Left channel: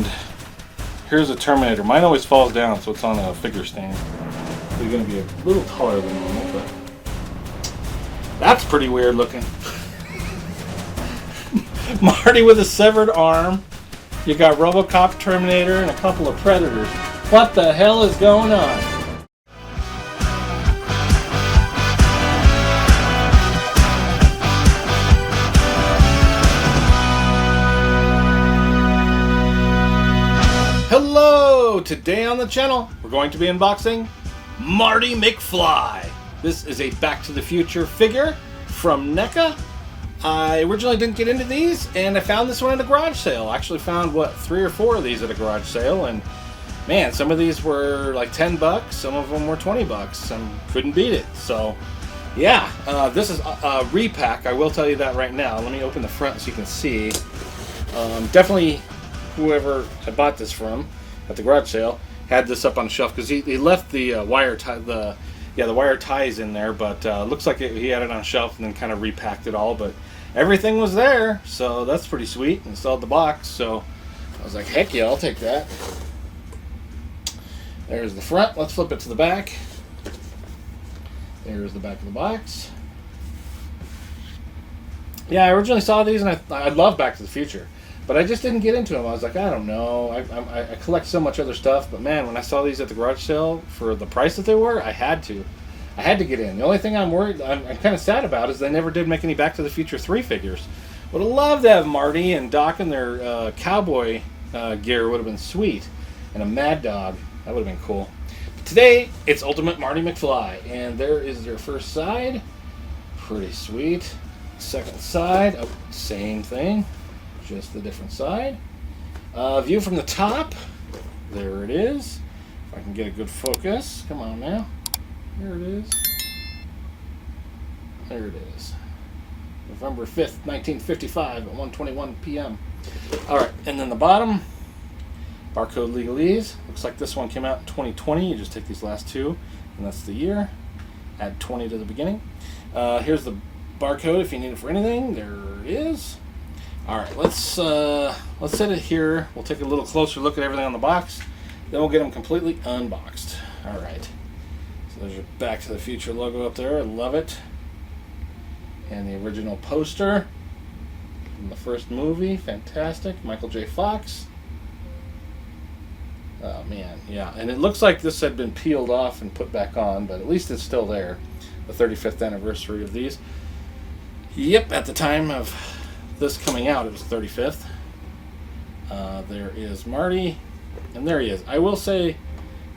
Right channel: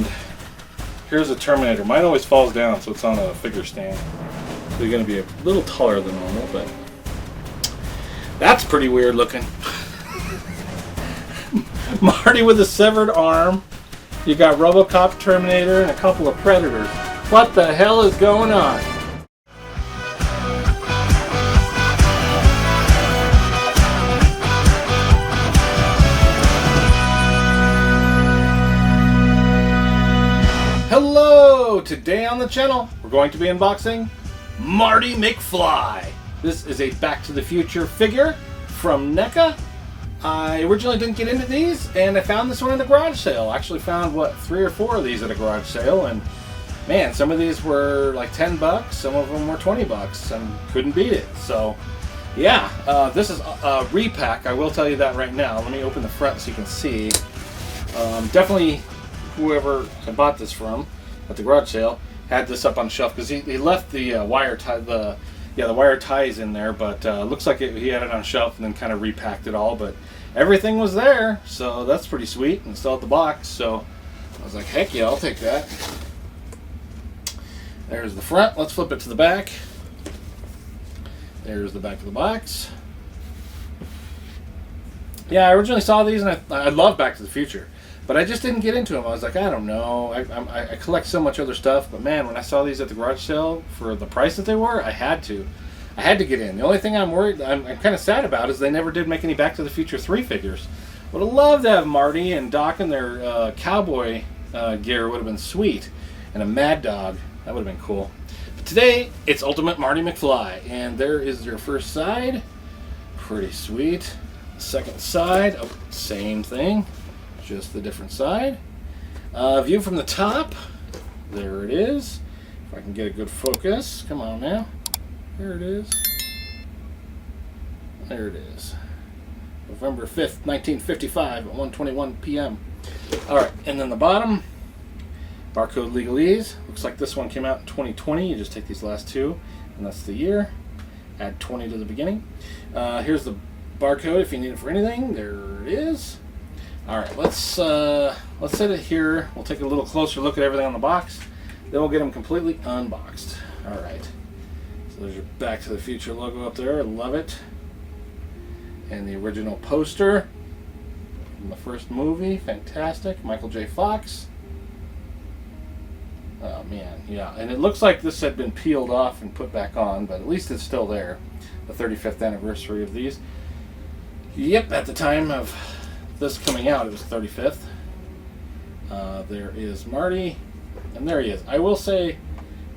And here's a Terminator. Mine always falls down, so it's on a figure stand. So you're going to be a little taller than normal, but that's pretty weird looking. Marty with a severed arm. You got RoboCop, Terminator, and a couple of Predators. What the hell is going on? Hello! Today on the channel, we're going to be unboxing Marty McFly. This is a Back to the Future figure from NECA. I originally didn't get into these, and I found this one at a garage sale. I actually found, 3 or 4 of these at a garage sale, and man, some of these were like 10 bucks, some of them were 20 bucks, and couldn't beat it. So, yeah, this is a repack, I will tell you that right now. Let me open the front so you can see. Definitely whoever I bought this from at the garage sale had this up on the shelf, because he left the wire tie, the wire ties in there, but looks like he had it on a shelf and then kind of repacked it all, but everything was there, so that's pretty sweet. Installed the box, so I was like, heck yeah, I'll take that. There's the front. Let's flip it to the back. There's the back of the box. Yeah, I originally saw these and I love Back to the Future, but I just didn't get into them. I was like, I don't know. I collect so much other stuff, but man, when I saw these at the garage sale for the price that they were, I had to get in. The only thing I'm kind of sad about is they never did make any Back to the Future 3 figures. Would have loved to have Marty and Doc in their cowboy gear. Would have been sweet, and a Mad Dog. That would have been cool. But today, it's Ultimate Marty McFly, and there is their first side. Pretty sweet. Second side, oh, same thing, just the different side. View from the top. There it is. If I can get a good focus. Come on now. There it is. There it is. November 5th, 1955 at 1:21 p.m. Alright, and then the bottom, barcode legalese. Looks like this one came out in 2020. You just take these last two, and that's the year. Add 20 to the beginning. Here's the barcode if you need it for anything. There it is. Alright, let's set it here. We'll take a little closer look at everything on the box. Then we'll get them completely unboxed. Alright. There's your Back to the Future logo up there. I love it. And the original poster from the first movie. Fantastic. Michael J. Fox. Oh, man. Yeah. And it looks like this had been peeled off and put back on, but at least it's still there. The 35th anniversary of these. Yep. At the time of this coming out, it was 35th. There is Marty. And there he is. I will say,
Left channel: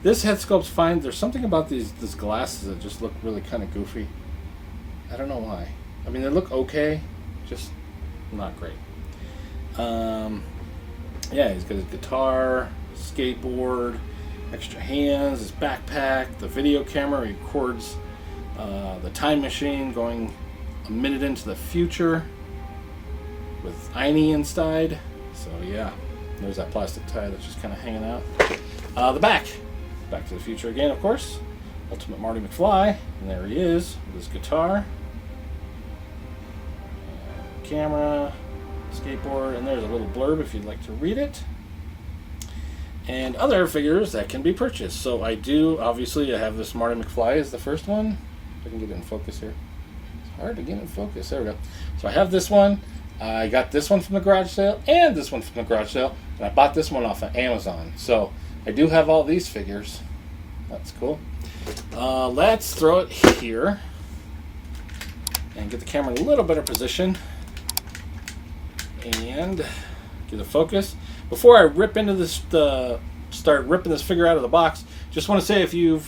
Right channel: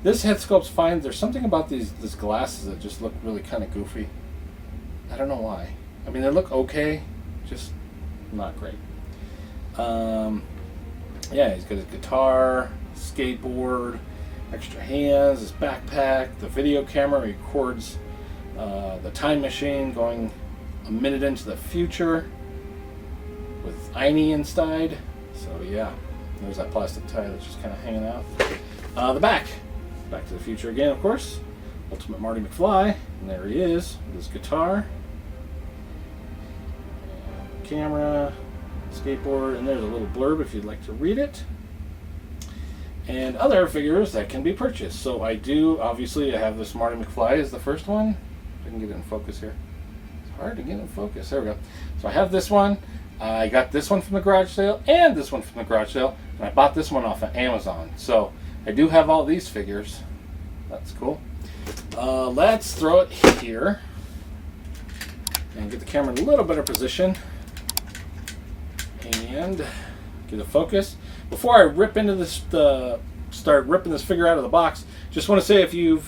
this head sculpt's fine. There's something about these glasses that just look really kind of goofy. I don't know why. I mean, they look okay, just not great. Yeah, he's got his guitar, skateboard, extra hands, his backpack, the video camera. He records the time machine going a minute into the future with Einie inside. So yeah, there's that plastic tie that's just kind of hanging out. The back. Back to the Future again, of course. Ultimate Marty McFly. And there he is with his guitar. And camera, skateboard, and there's a little blurb if you'd like to read it. And other figures that can be purchased. So I obviously I have this Marty McFly as the first one. If I can get it in focus here. It's hard to get in focus. There we go. So I have this one. I got this one from the garage sale and this one from the garage sale. And I bought this one off of Amazon. So I do have all these figures. That's cool. Let's throw it here and get the camera in a little better position and get a focus. Before I rip into this, start ripping this figure out of the box, just want to say if you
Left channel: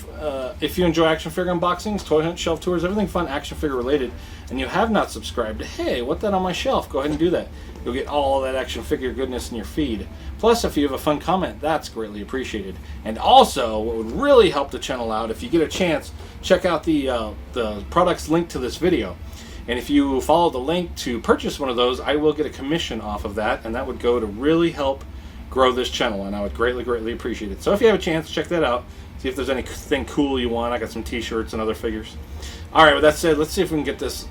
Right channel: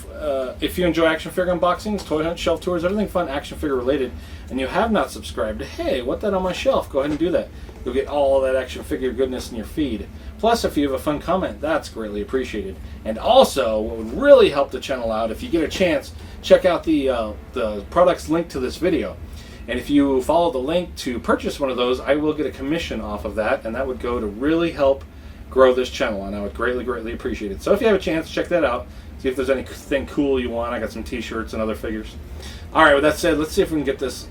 enjoy action figure unboxings, toy hunt, shelf tours, everything fun action figure related, and you have not subscribed to Hey, What That on My Shelf, go ahead and do that. You'll get all that action figure goodness in your feed. Plus, if you have a fun comment, that's greatly appreciated. And also, what would really help the channel out, if you get a chance, check out the products linked to this video. And if you follow the link to purchase one of those, I will get a commission off of that, and that would go to really help grow this channel, and I would greatly, greatly appreciate it. So if you have a chance, check that out. See if there's anything cool you want. I got some t-shirts and other figures. Alright, with that said, let's see if we can get this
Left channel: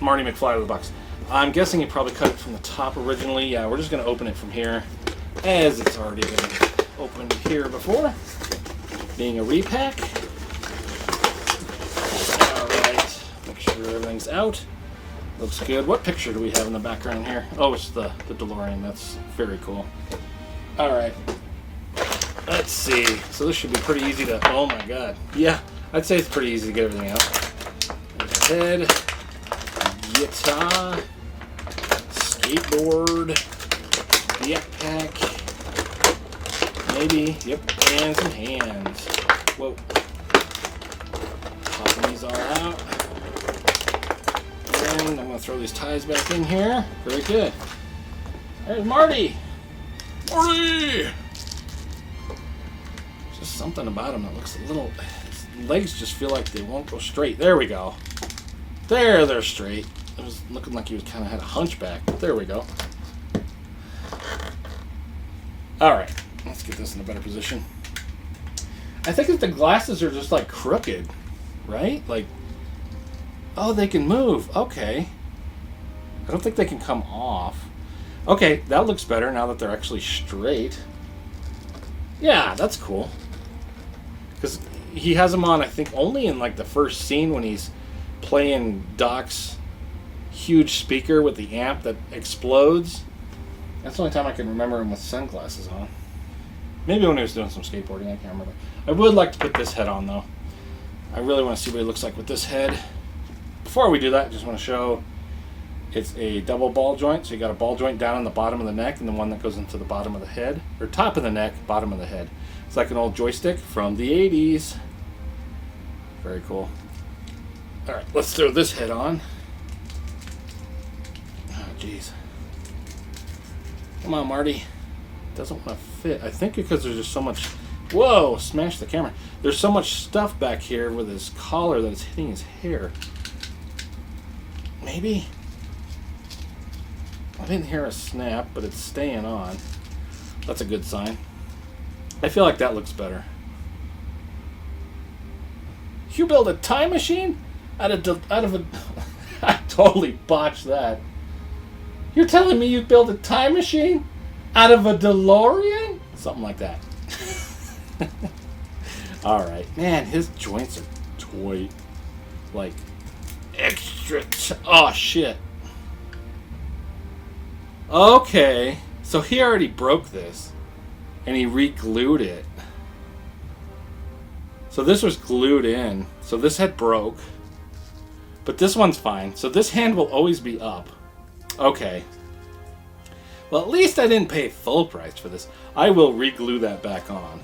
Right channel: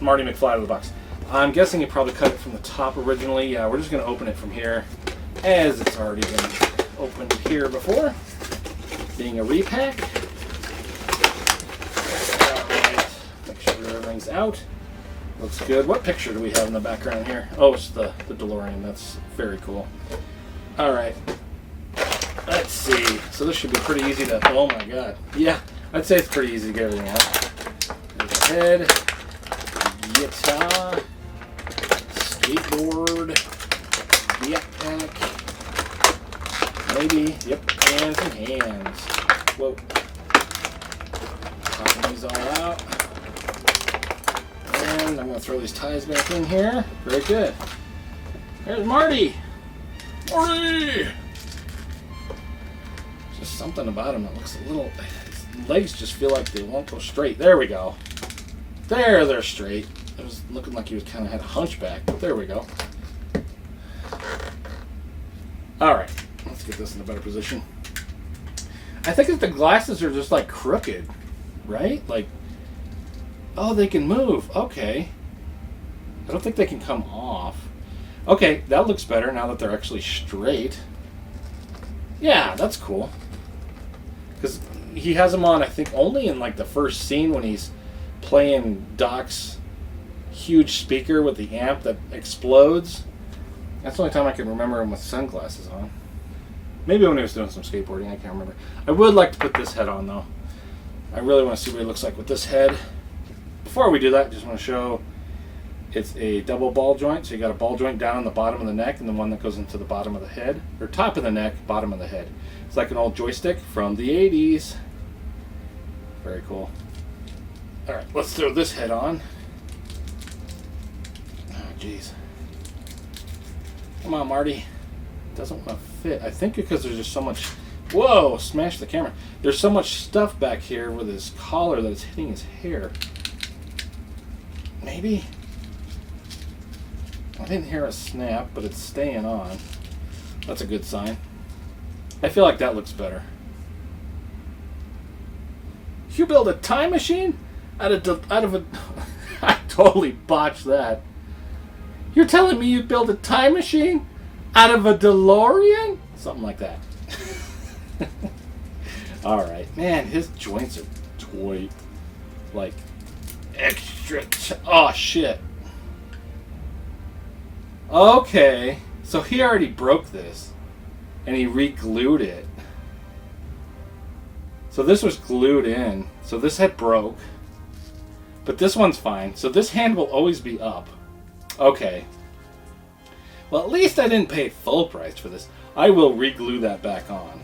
Marty McFly out of the box. I'm guessing you probably cut it from the top originally. Yeah, we're just going to open it from here. as it's already been opened here before, being a repack. Alright, make sure everything's out. Looks good. What picture do we have in the background here? Oh, it's the DeLorean. That's very cool. Alright. Let's see. So this should be pretty easy to... Oh my god. Yeah, I'd say it's pretty easy to get everything out. There's a head, guitar, skateboard, backpack, maybe, yep, and some hands. Whoa. Popping these all out. And I'm going to throw these ties back in here. Very good. There's Marty! Marty! Just something about him that looks a little... His legs just feel like they won't go straight. There we go. There, they're straight. It was looking like he was kind of had a hunchback. There we go. Alright, let's get this in a better position. I think if the glasses are just like crooked, right? Like, oh, they can move. Okay. I don't think they can come off. Okay, that looks better now that they're actually straight. Yeah, that's cool. Because he has them on, I think, only in like the first scene when he's playing Doc's huge speaker with the amp that explodes. That's the only time I can remember him with sunglasses on. Maybe when he was doing some skateboarding, I can't remember. I would like to put this head on though. I really want to see what he looks like with this head. Before we do that, I just want to show it's a double ball joint. So you got a ball joint down on the bottom of the neck and the one that goes into the bottom of the head. Or top of the neck, bottom of the head. It's like an old joystick from the 80s. Very cool. Alright, let's throw this head on. Oh, jeez. Come on, Marty. Doesn't want to fit. I think because there's just so much... Whoa! Smash the camera. There's so much stuff back here with his collar that it's hitting his hair. Maybe? I didn't hear a snap, but it's staying on. That's a good sign. I feel like that looks better. You build a time machine? Out of a... I totally botched that. You're telling me you built a time machine out of a DeLorean? Something like that. Alright. Man, his joints are toy. Like, extra... Oh, shit. Okay. So he already broke this. And he re-glued it. So this was glued in. So this head broke. But this one's fine. So this hand will always be up. Okay. Well, at least I didn't pay full price for this. I will re-glue that back on.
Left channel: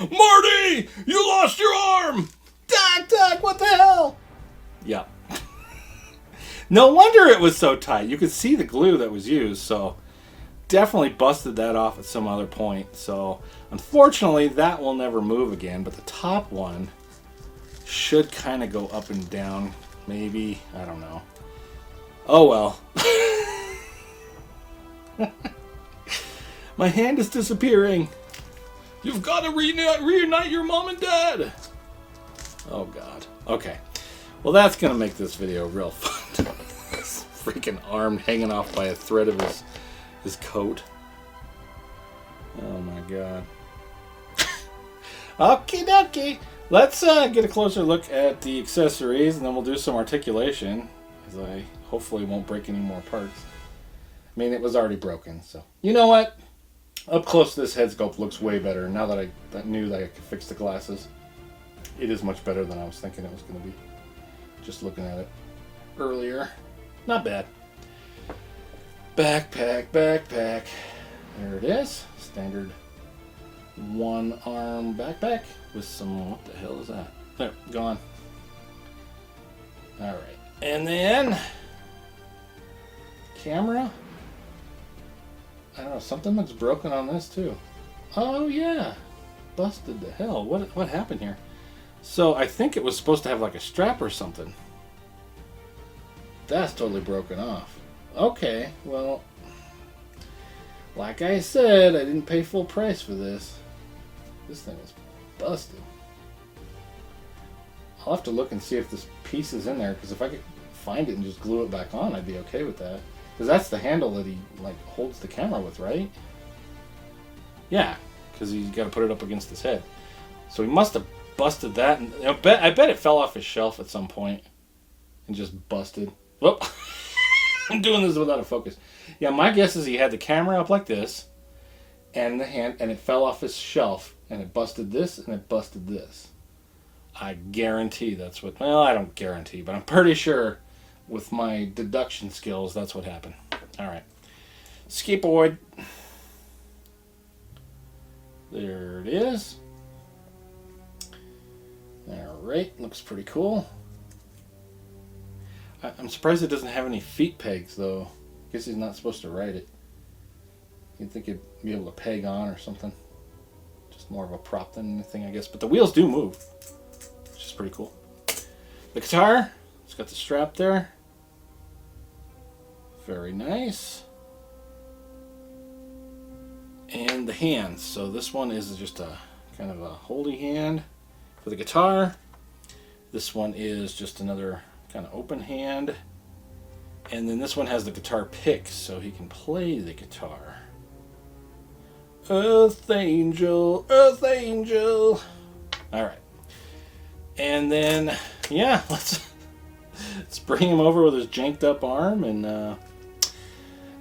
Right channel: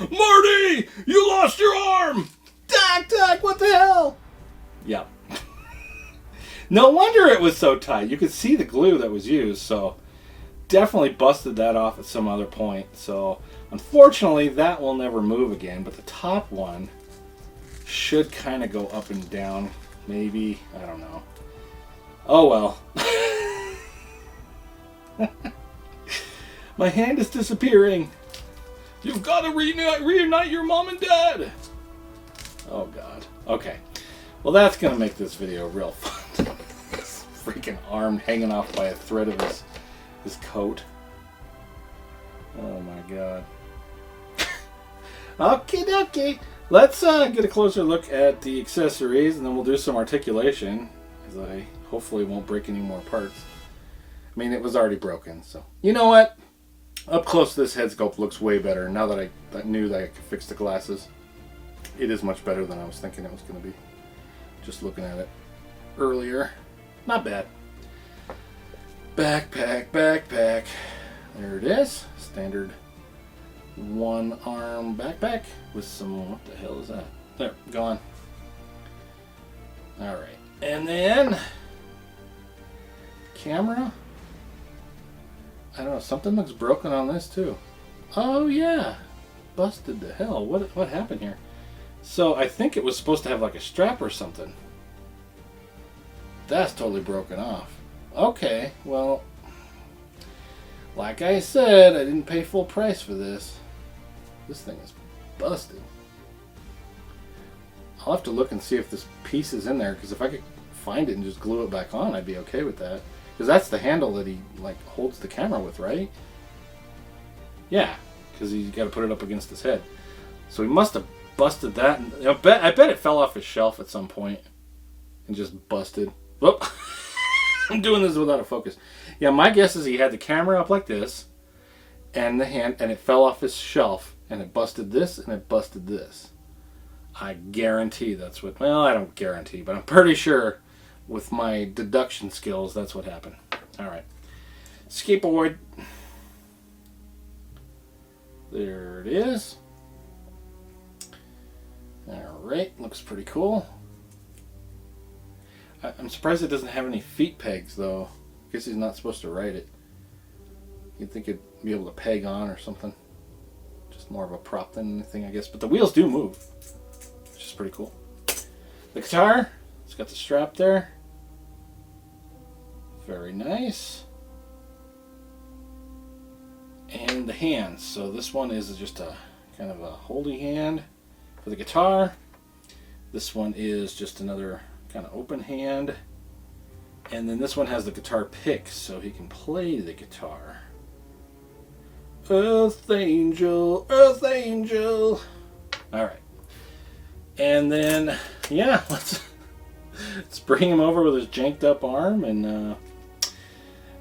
Marty! You lost your arm! Doc, what the hell? Yep. No wonder it was so tight. You could see the glue that was used, so definitely busted that off at some other point. So unfortunately, that will never move again, but the top one should kind of go up and down. Maybe. I don't know. Oh well. My hand is disappearing. You've got to reunite your mom and dad. Oh god. Okay. Well, that's going to make this video real fun. This freaking arm hanging off by a thread of his coat. Oh my god. Okay. Let's get a closer look at the accessories, and then we'll do some articulation, because I hopefully won't break any more parts. I mean, it was already broken, so... You know what? Up close, this head sculpt looks way better, now that I knew that I could fix the glasses. It is much better than I was thinking it was going to be. Just looking at it earlier. Not bad. Backpack. There it is. Standard one-arm backpack with some... What the hell is that? There, gone. Alright. And then... Camera. I don't know, something looks broken on this too. Oh yeah. Busted to hell. What happened here? So I think it was supposed to have like a strap or something. That's totally broken off. Okay, well, like I said, I didn't pay full price for this. This thing is busted. I'll have to look and see if this piece is in there, because if I could find it and just glue it back on, I'd be okay with that. Because that's the handle that he like holds the camera with, right? Yeah, because he's got to put it up against his head. So he must have busted that. And I bet it fell off his shelf at some point and just busted. Whoop! I'm doing this without a focus. Yeah, my guess is he had the camera up like this, and the hand, and it fell off his shelf, and it busted this, and it busted this. I guarantee that's what. Well, I don't guarantee, but I'm pretty sure with my deduction skills, that's what happened. All right, skateboard. There it is. All right, looks pretty cool. I'm surprised it doesn't have any feet pegs, though. I guess he's not supposed to ride it. You'd think it'd be able to peg on or something. Just more of a prop than anything, I guess. But the wheels do move, which is pretty cool. The guitar, it's got the strap there. Very nice. And the hands. So this one is just a kind of a holdy hand for the guitar. This one is just another kind of open hand. And then this one has the guitar pick, so he can play the guitar. Earth Angel, Earth Angel. All right. And then, yeah, let's bring him over with his janked up arm and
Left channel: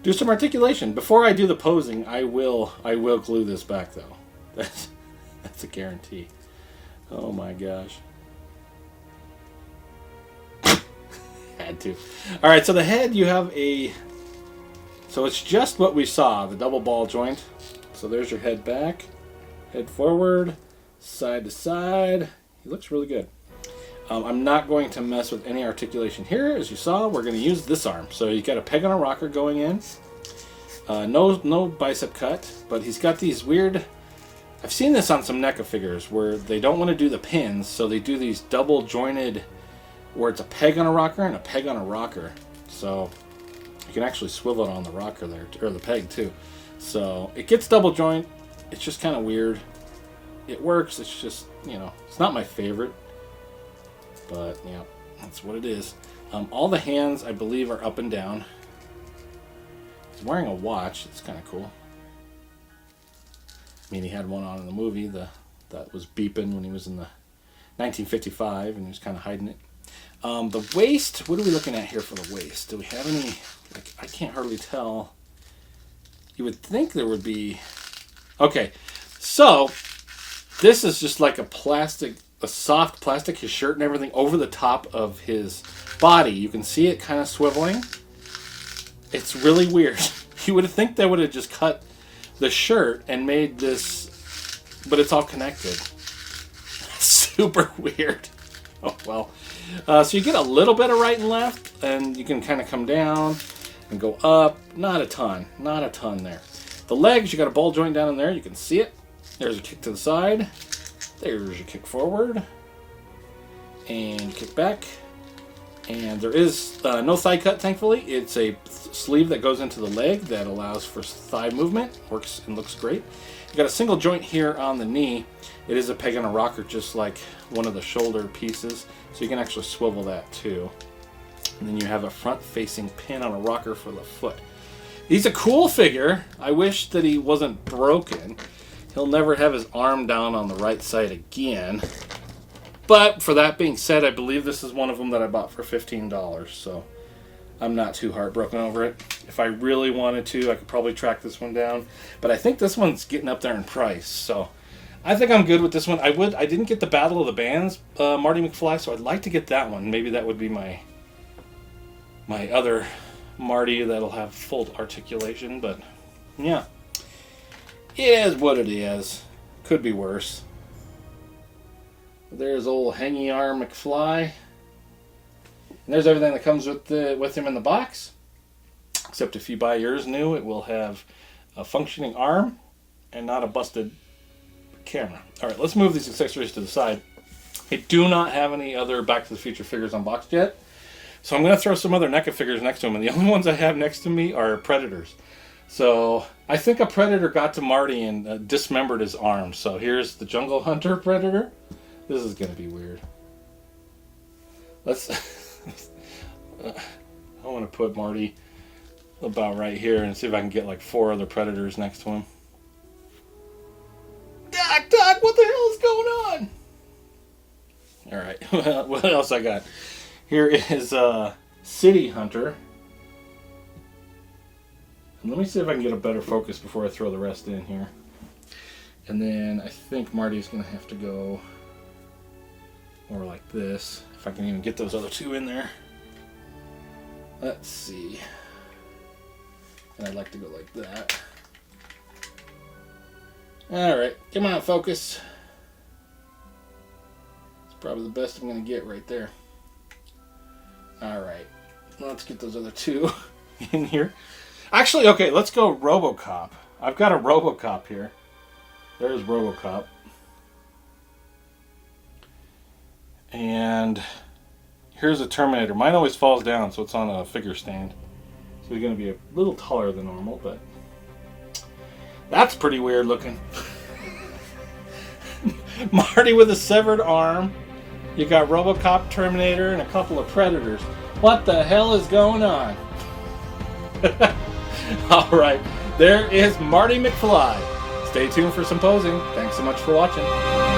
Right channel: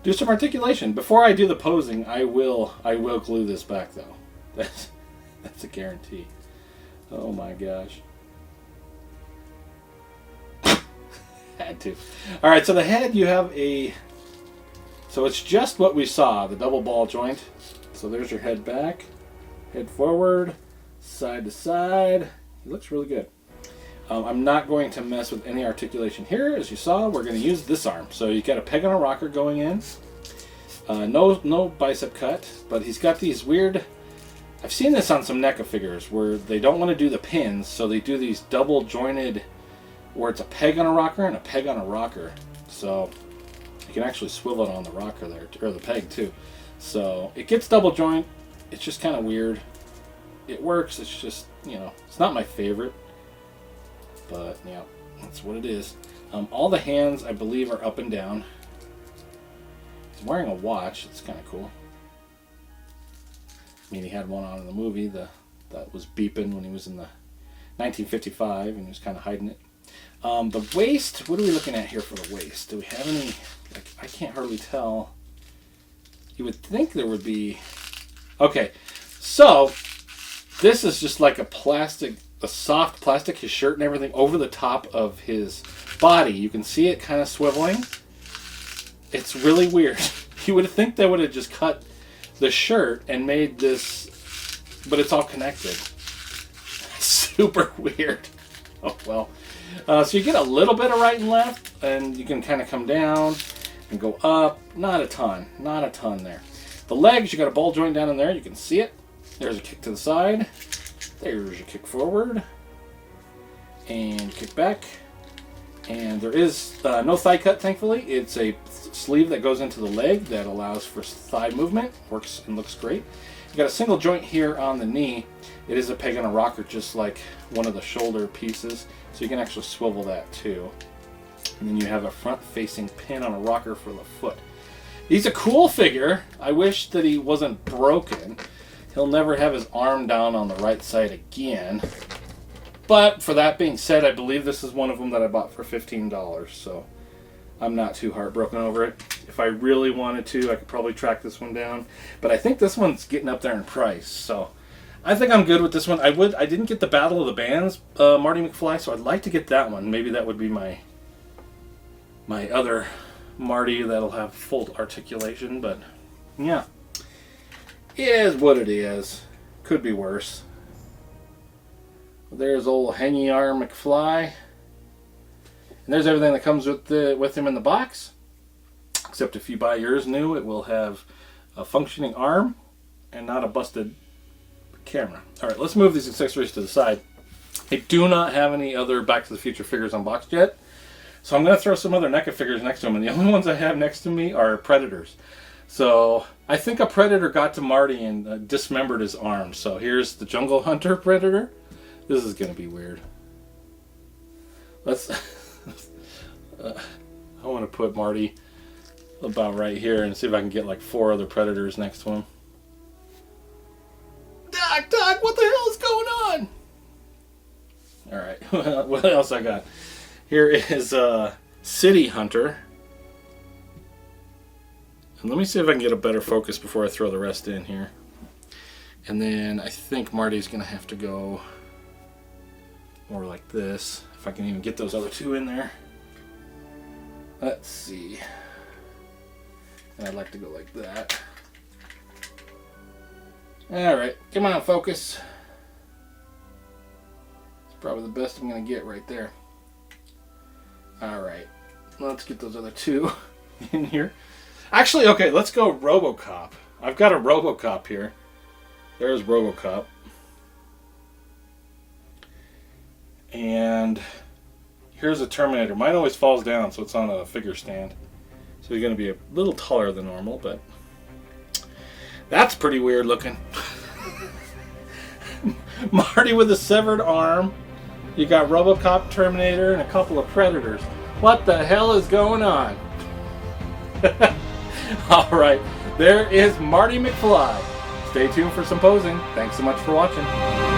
do some articulation. Before I do the posing, I will glue this back though. That's a guarantee. Oh my gosh. Had to. All right, so the head, you have so it's just what we saw, the double ball joint. So there's your head back, head forward, side to side. He looks really good. I'm not going to mess with any articulation here. As you saw, we're going to use this arm. So you got a peg on a rocker going in. No bicep cut, but he's got these weird. I've seen this on some NECA figures where they don't want to do the pins, so they do these double jointed, where it's a peg on a rocker and a peg on a rocker. So you can actually swivel it on the rocker there, or the peg too. So it gets double joint. It's just kind of weird. It works. It's just, it's not my favorite. But, yeah, that's what it is. All the hands, I believe, are up and down. He's wearing a watch. It's kind of cool. I mean, he had one on in the movie that was beeping when he was in the 1955, and he was kind of hiding it. The waist, what are we looking at here for the waist? Do we have any, I can't hardly tell. You would think there would be. Okay, so this is just like a soft plastic, his shirt and everything, over the top of his body. You can see it kind of swiveling. It's really weird. You would think they would have just cut the shirt and made this, but it's all connected. Super weird. Oh, well. So you get a little bit of right and left, and you can kind of come down and go up. Not a ton there. The legs, you got a ball joint down in there. You can see it. There's a kick to the side. There's your kick forward. And kick back. And there is no thigh cut, thankfully. It's a sleeve that goes into the leg that allows for thigh movement. Works and looks great. You've got a single joint here on the knee. It is a peg and a rocker, just like one of the shoulder pieces. So you can actually swivel that too. And then you have a front-facing pin on a rocker for the foot. He's a cool figure. I wish that he wasn't broken. He'll never have his arm down on the right side again. But for that being said, I believe this is one of them that I bought for $15. So I'm not too heartbroken over it. If I really wanted to, I could probably track this one down. But I think this one's getting up there in price. So I think I'm good with this one. I didn't get the Battle of the Bands, Marty McFly, so I'd like to get that one. Maybe that would be my other Marty that'll have full articulation. But yeah, it is what it is. Could be worse. There's old hangy arm McFly. And there's everything that comes with him in the box. Except if you buy yours new, it will have a functioning arm and not a busted camera. Alright, let's move these accessories to the side. I do not have any other Back to the Future figures unboxed yet. So I'm going to throw some other NECA figures next to them. And the only ones I have next to me are Predators. So I think a Predator got to Marty and dismembered his arm. So here's the Jungle Hunter Predator. This is going to be weird. I want to put Marty about right here and see if I can get like 4 other predators next to him. Doc, what the hell is going on? Alright, what else I got? Here is City Hunter. And let me see if I can get a better focus before I throw the rest in here. And then I think Marty's going to have to go more like this. If I can even get those other 2 in there. Let's see. And I'd like to go like that. Alright, come on, focus. It's probably the best I'm going to get right there. Alright, let's get those other 2 in here. Actually, okay, let's go RoboCop. I've got a RoboCop here. There's RoboCop. And here's a Terminator. Mine always falls down, so it's on a figure stand. So he's going to be a little taller than normal, but that's pretty weird looking. Marty with a severed arm. You got RoboCop, Terminator, and a couple of Predators. What the hell is going on? Alright, there is Marty McFly. Stay tuned for some posing. Thanks so much for watching.